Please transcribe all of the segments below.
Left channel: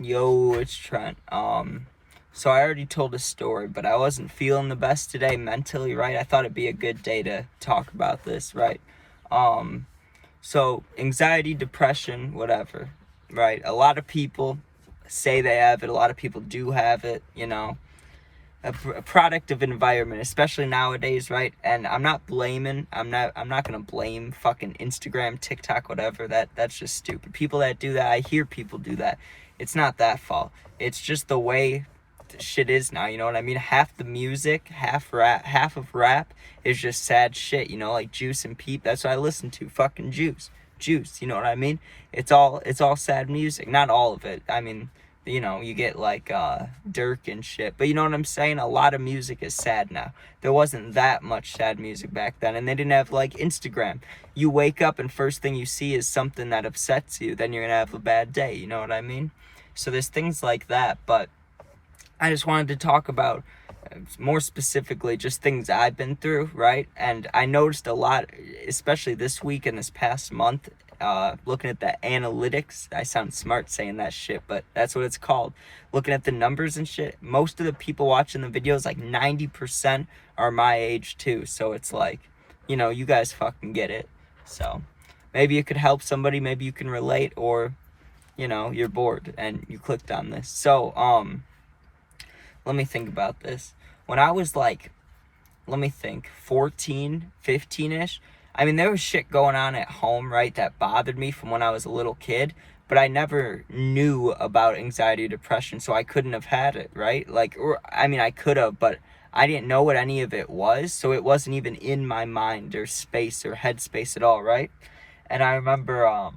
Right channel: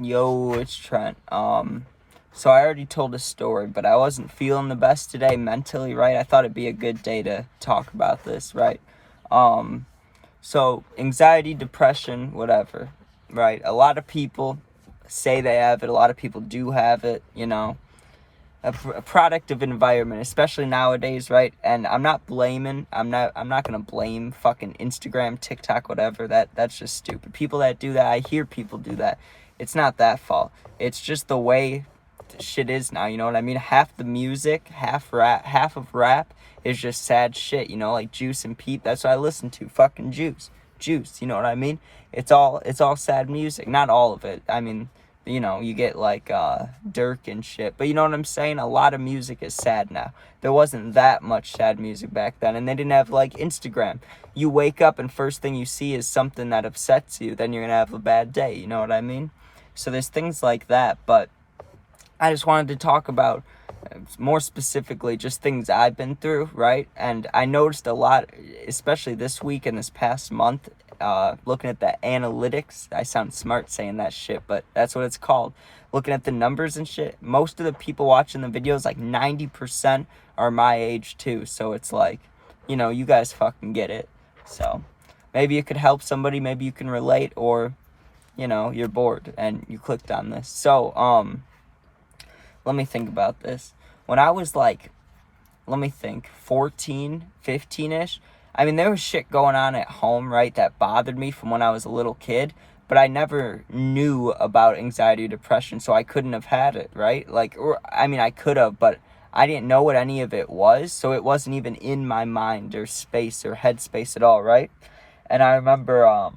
Yo, it's Trent. So I already told a story, but I wasn't feeling the best today mentally, right? I thought it'd be a good day to talk about this, right? Um, so anxiety, depression, whatever, right? A lot of people say they have it. A lot of people do have it, a product of environment, especially nowadays, right? And I'm not gonna blame fucking Instagram, TikTok, whatever. That's just stupid. People that do that, I hear people do that. It's not that fault. It's just the way shit is now, you know what I mean? Half the music, half of rap is just sad shit, like Juice and Peep. That's what I listen to. Fucking Juice, you know what I mean? It's all sad music. Not all of it. I mean, you get like Dirk and shit. But you know what I'm saying? A lot of music is sad now. There wasn't that much sad music back then, and they didn't have like Instagram. You wake up and first thing you see is something that upsets you, then you're gonna have a bad day, you know what I mean? So there's things like that, but I just wanted to talk about more specifically just things I've been through, right? And I noticed a lot, especially this week and this past month, looking at the analytics. I sound smart saying that shit, but that's what it's called. Looking at the numbers and shit, most of the people watching the videos, like 90% are my age too. So it's like, you guys fucking get it. So maybe it could help somebody, maybe you can relate, or, you're bored and you clicked on this. So, let me think about this. When I was like, 14, 15-ish, I mean, there was shit going on at home, right, that bothered me from when I was a little kid, but I never knew about anxiety or depression, so I couldn't have had it, right? I could have, but I didn't know what any of it was, so it wasn't even in my mind or space or headspace at all, right? And I remember,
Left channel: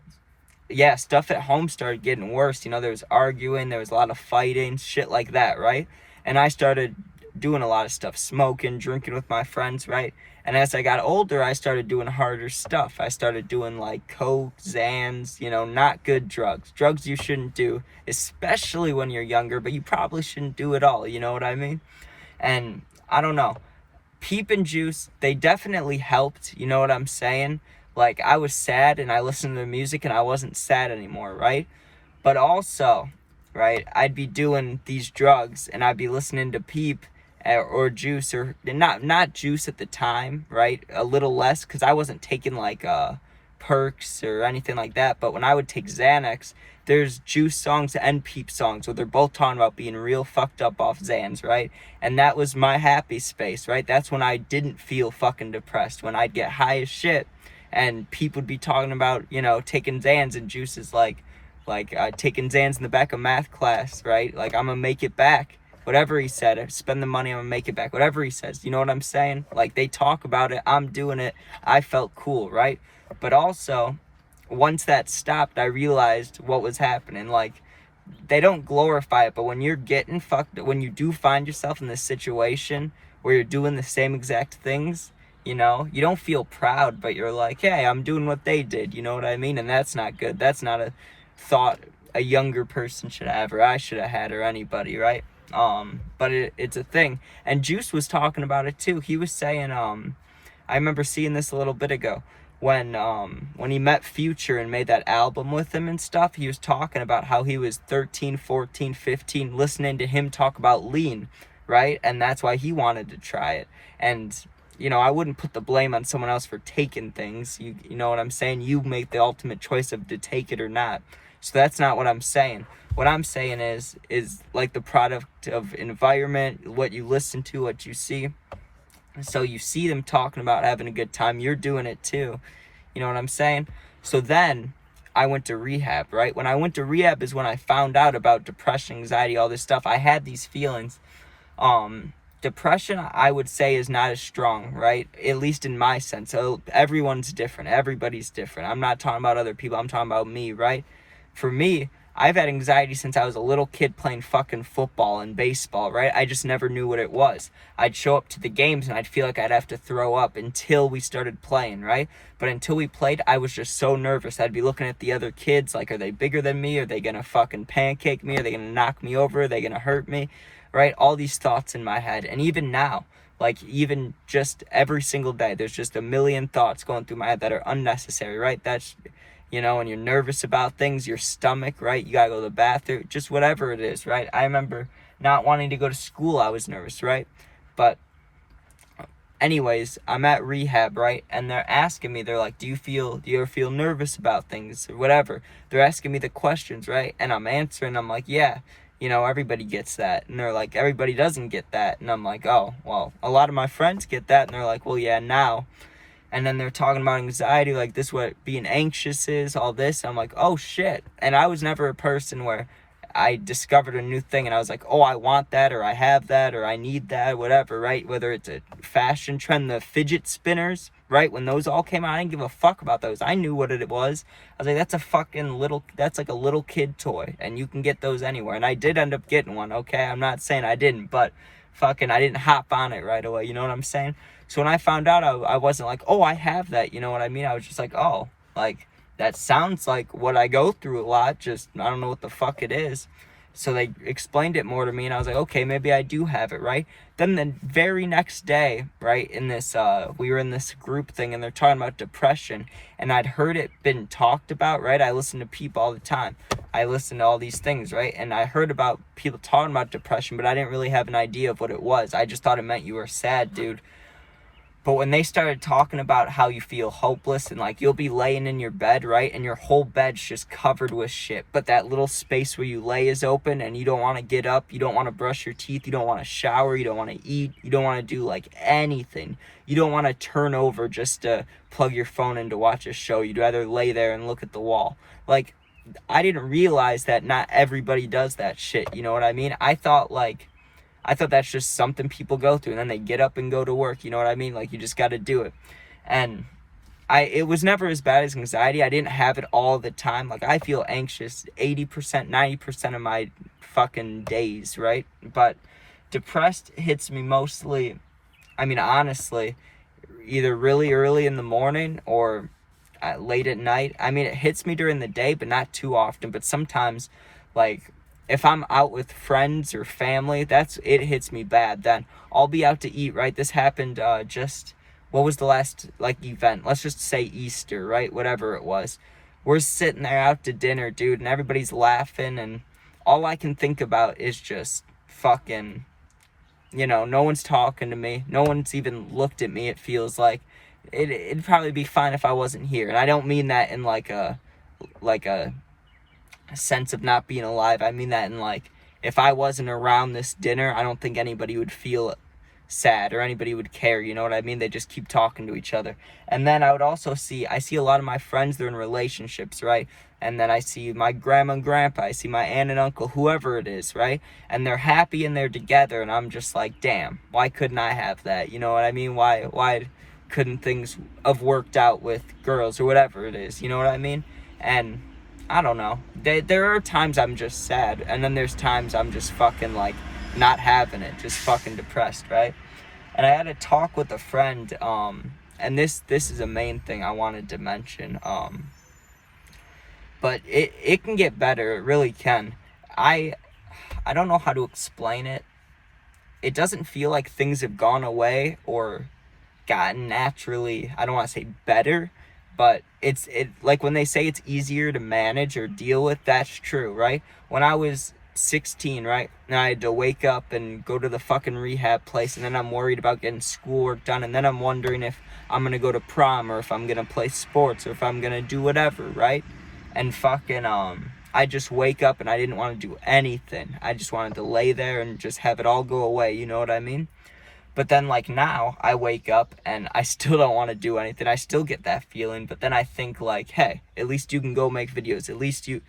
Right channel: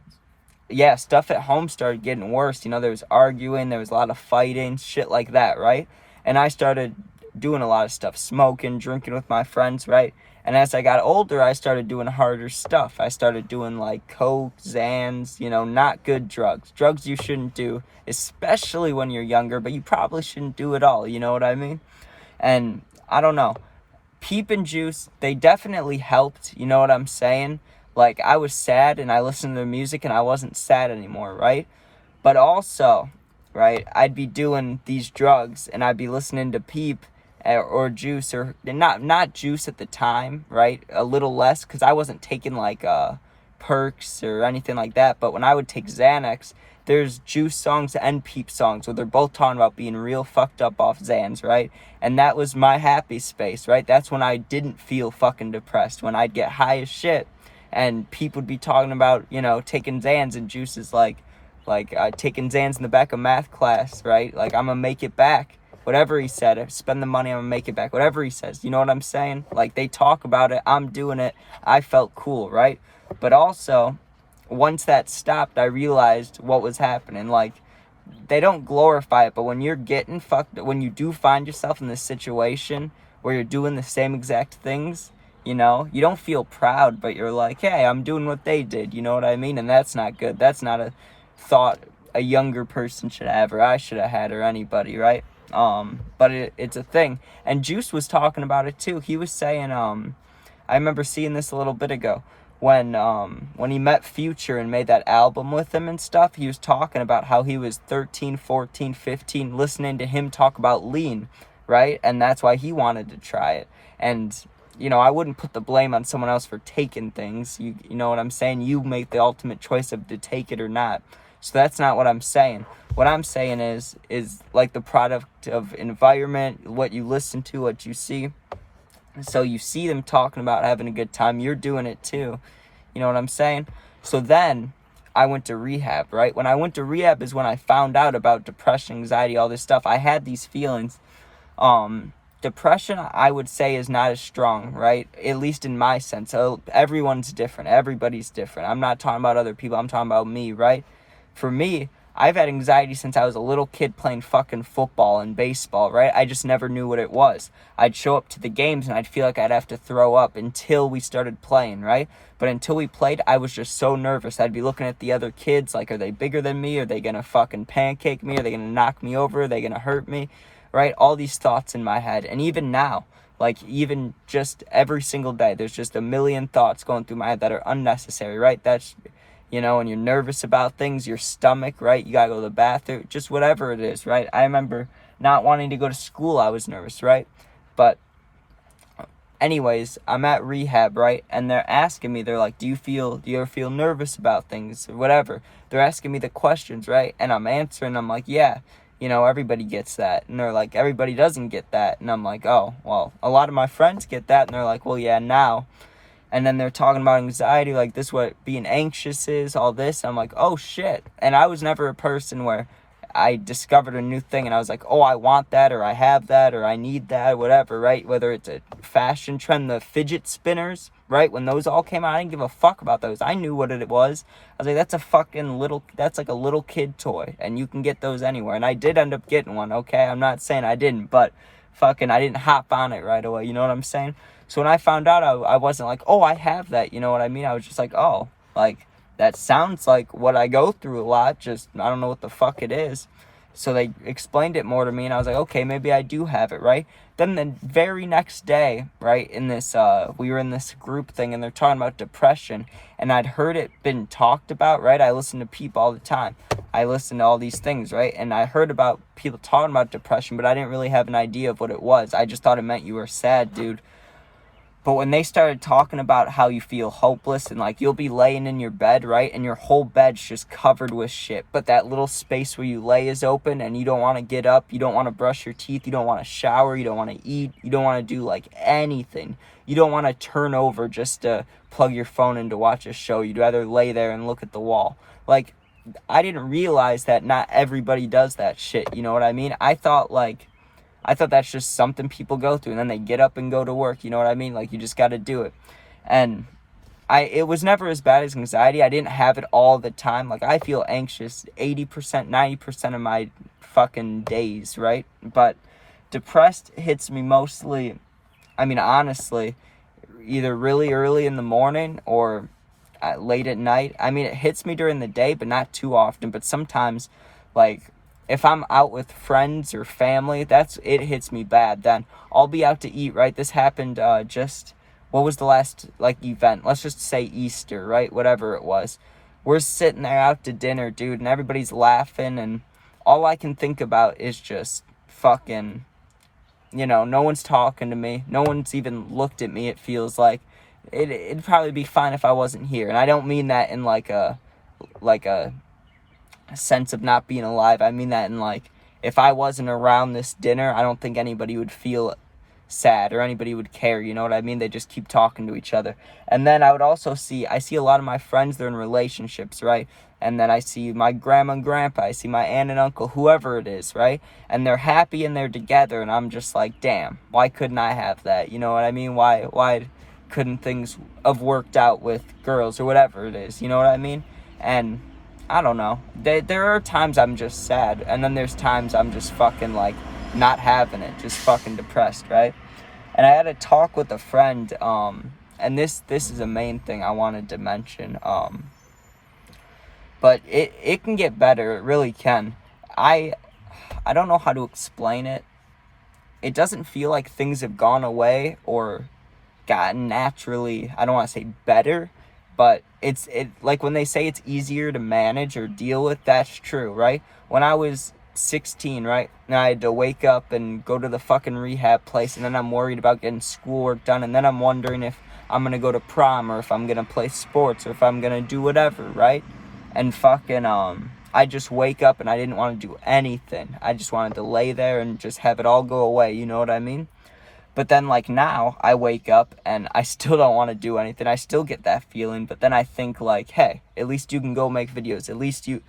stuff at home started getting worse. There was arguing, there was a lot of fighting, shit like that, right? And I started doing a lot of stuff, smoking, drinking with my friends, right? And as I got older, I started doing harder stuff. I started doing like coke, Xans, not good drugs you shouldn't do, especially when you're younger, but you probably shouldn't do it all, you know what I mean? And I don't know, Peep and Juice, they definitely helped, you know what I'm saying? Like, I was sad and I listened to the music and I wasn't sad anymore, right? But also, right, I'd be doing these drugs and I'd be listening to Peep or Juice, or not Juice at the time, right? A little less, because I wasn't taking like perks or anything like that. But when I would take Xanax, there's Juice songs and Peep songs where they're both talking about being real fucked up off Xans, right? And that was my happy space, right? That's when I didn't feel fucking depressed, when I'd get high as shit and Peep would be talking about, taking Xans, and Juice is like taking Xans in the back of math class, right? Like, I'm gonna make it back. Whatever he said, spend the money, I'm gonna make it back. Whatever he says, you know what I'm saying? Like, they talk about it, I'm doing it, I felt cool, right? But also, once that stopped, I realized what was happening. Like, they don't glorify it, but when you're getting fucked, when you do find yourself in this situation where you're doing the same exact things, you don't feel proud, but you're like, hey, I'm doing what they did, you know what I mean? And that's not good. That's not a thought a younger person should have, or I should have had, or anybody, right? But it's a thing. And Juice was talking about it too. He was saying, I remember seeing this a little bit ago, when he met Future and made that album with him and stuff, he was talking about how he was 13, 14, 15, listening to him talk about lean, right? And that's why he wanted to try it. And, I wouldn't put the blame on someone else for taking things. You know what I'm saying? You make the ultimate choice of to take it or not. So that's not what I'm saying. What I'm saying is like the product of environment, what you listen to, what you see. So you see them talking about having a good time, you're doing it too. You know what I'm saying? So then I went to rehab, right? When I went to rehab is when I found out about depression, anxiety, all this stuff. I had these feelings. Depression, I would say, is not as strong, right? At least in my sense. So everyone's different. Everybody's different. I'm not talking about other people. I'm talking about me, right? For me, I've had anxiety since I was a little kid playing fucking football and baseball, right? I just never knew what it was. I'd show up to the games and I'd feel like I'd have to throw up until we started playing, right? But until we played, I was just so nervous. I'd be looking at the other kids like, are they bigger than me? Are they gonna fucking pancake me? Are they gonna knock me over? Are they gonna hurt me? Right? All these thoughts in my head. And even now, like, even just every single day, there's just a million thoughts going through my head that are unnecessary, right? That's, you know, and you're nervous about things, your stomach, right? You gotta go to the bathroom, just whatever it is, right? I remember not wanting to go to school, I was nervous, right? But anyways, I'm at rehab, right? And they're asking me, they're like, do you ever feel nervous about things or whatever? They're asking me the questions, right? And I'm answering, I'm like, yeah, you know, everybody gets that. And they're like, everybody doesn't get that. And I'm like, oh, well, a lot of my friends get that. And they're like, well, yeah, now. And then they're talking about anxiety, like this, what being anxious is, all this. I'm like, oh shit. And I was never a person where I discovered a new thing and I was like, oh, I want that, or I have that, or I need that, whatever, right? Whether it's a fashion trend, the fidget spinners, right? When those all came out, I didn't give a fuck about those. I knew what it was. I was like, that's like a little kid toy, and you can get those anywhere. And I did end up getting one, okay? I'm not saying I didn't, but I didn't hop on it right away, you know what I'm saying? So when I found out, I wasn't like, oh, I have that, you know what I mean? I was just like, oh, like, that sounds like what I go through a lot, just I don't know what the fuck it is. So they explained it more to me, and I was like, okay, maybe I do have it, right? Then the very next day, right, in this, we were in this group thing, and they're talking about depression, and I'd heard it been talked about, right? I listen to people all the time. I listen to all these things, right? And I heard about people talking about depression, but I didn't really have an idea of what it was. I just thought it meant you were sad, dude. But when they started talking about how you feel hopeless and like you'll be laying in your bed, right? And your whole bed's just covered with shit. But that little space where you lay is open and you don't want to get up. You don't want to brush your teeth. You don't want to shower. You don't want to eat. You don't want to do like anything. You don't want to turn over just to plug your phone in to watch a show. You'd rather lay there and look at the wall. Like, I didn't realize that not everybody does that shit. You know what I mean? I thought that's just something people go through, and then they get up and go to work, you know what I mean? Like, you just got to do it. And it was never as bad as anxiety. I didn't have it all the time. Like, I feel anxious 80%, 90% of my fucking days, right? But depressed hits me mostly, I mean, honestly, either really early in the morning or late at night. I mean, it hits me during the day, but not too often. But sometimes, like, if I'm out with friends or family, it hits me bad. Then I'll be out to eat, right? This happened what was the last, like, event? Let's just say Easter, right? Whatever it was. We're sitting there out to dinner, dude, and everybody's laughing, and all I can think about is just fucking, you know, no one's talking to me. No one's even looked at me, it feels like. It'd probably be fine if I wasn't here. And I don't mean that in like a sense of not being alive. I mean that in like, if I wasn't around this dinner, I don't think anybody would feel sad or anybody would care, you know what I mean? They just keep talking to each other. And then I would also see a lot of my friends, they're in relationships, right? And then I see my grandma and grandpa, I see my aunt and uncle, whoever it is, right? And they're happy and they're together, and I'm just like, damn, why couldn't I have that? You know what I mean? Why couldn't things have worked out with girls or whatever it is, you know what I mean? And I don't know. There are times I'm just sad, and then there's times I'm just fucking like not having it, just fucking depressed, right? And I had a talk with a friend, and this is a main thing I wanted to mention, but it can get better, it really can. I don't know how to explain it. It doesn't feel like things have gone away or gotten naturally, I don't want to say better, but it like when they say it's easier to manage or deal with, that's true, right? When I was 16, right, and I had to wake up and go to the fucking rehab place, and then I'm worried about getting schoolwork done, and then I'm wondering if I'm gonna go to prom or if I'm gonna play sports or if I'm gonna do whatever, right? And fucking I just wake up and I didn't want to do anything. I just wanted to lay there and just have it all go away, you know what I mean? But then, like, now I wake up and I still don't want to do anything. I still get that feeling, but then I think, like, hey, at least you can go make videos. At least you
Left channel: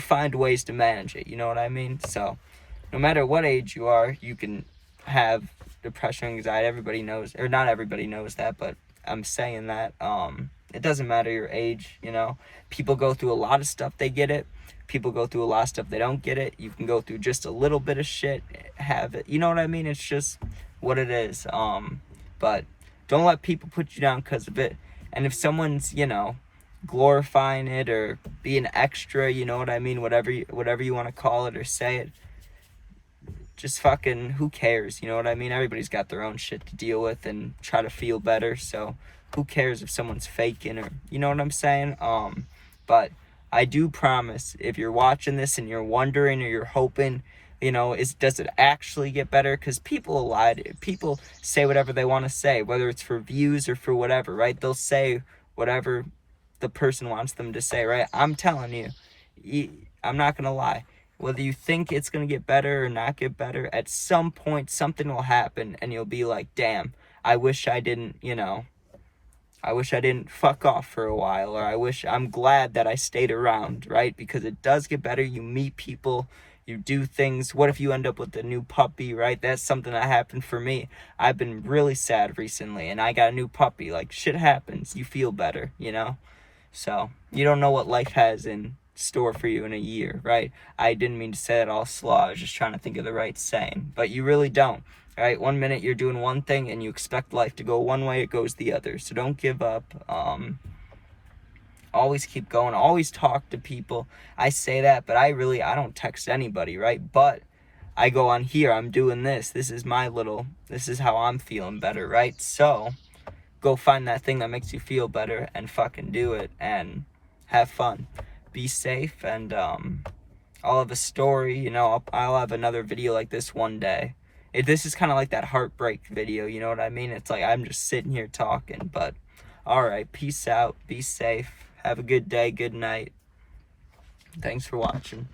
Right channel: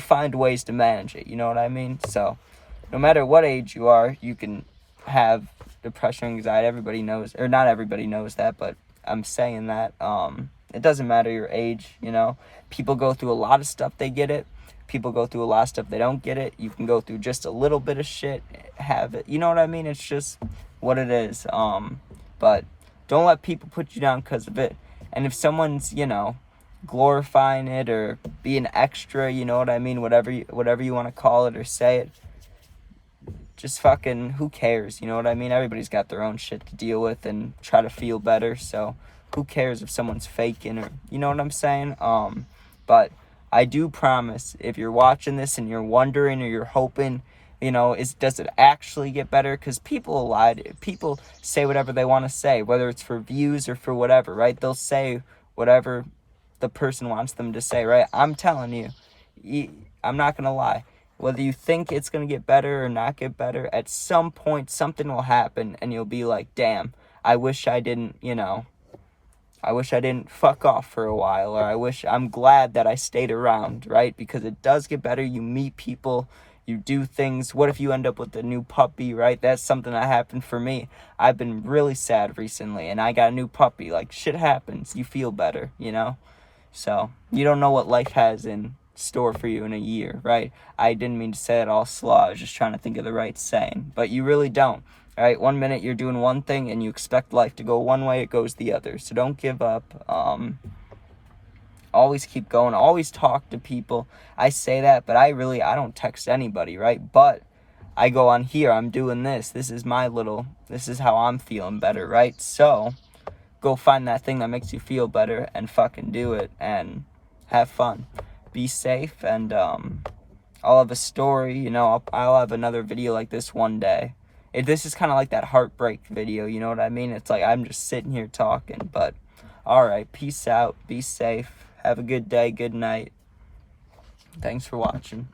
find ways to manage it, you know what I mean? So no matter what age you are, you can have depression, anxiety. Everybody knows, or not everybody knows that, but I'm saying that it doesn't matter your age, you know? People go through a lot of stuff, they get it. People go through a lot of stuff, they don't get it. You can go through just a little bit of shit, have it. You know what I mean? It's just what it is. But don't let people put you down because of it. And if someone's, you know, glorifying it or being extra, you know what I mean? Whatever you want to call it or say it, just fucking, who cares? You know what I mean? Everybody's got their own shit to deal with and try to feel better. So who cares if someone's faking, or, you know what I'm saying? But I do promise, if you're watching this and you're wondering or you're hoping, does it actually get better? Because people lie. People say whatever they want to say, whether it's for views or for whatever, right? They'll say whatever the person wants them to say, right? I'm telling you, I'm not going to lie. Whether you think it's going to get better or not get better, at some point something will happen and you'll be like, damn, I wish I didn't fuck off for a while, or I'm glad that I stayed around, right? Because it does get better. You meet people, you do things. What if you end up with a new puppy, right? That's something that happened for me. I've been really sad recently, and I got a new puppy. Like, shit happens. You feel better, So, you don't know what life has in store for you in a year, right? I didn't mean to say it all slow. I was just trying to think of the right saying. But you really don't. All right, 1 minute you're doing one thing and you expect life to go one way, it goes the other. So don't give up. Always keep going. Always talk to people. I say that, but I don't text anybody, right? But I go on here, I'm doing this. This is how I'm feeling better, right? So go find that thing that makes you feel better and fucking do it and have fun. Be safe, and I'll have a story, I'll have another video like this one day. This is kind of like that heartbreak video, you know what I mean? It's like I'm just sitting here talking, but alright, peace out, be safe, have a good day, good night. Thanks for watching.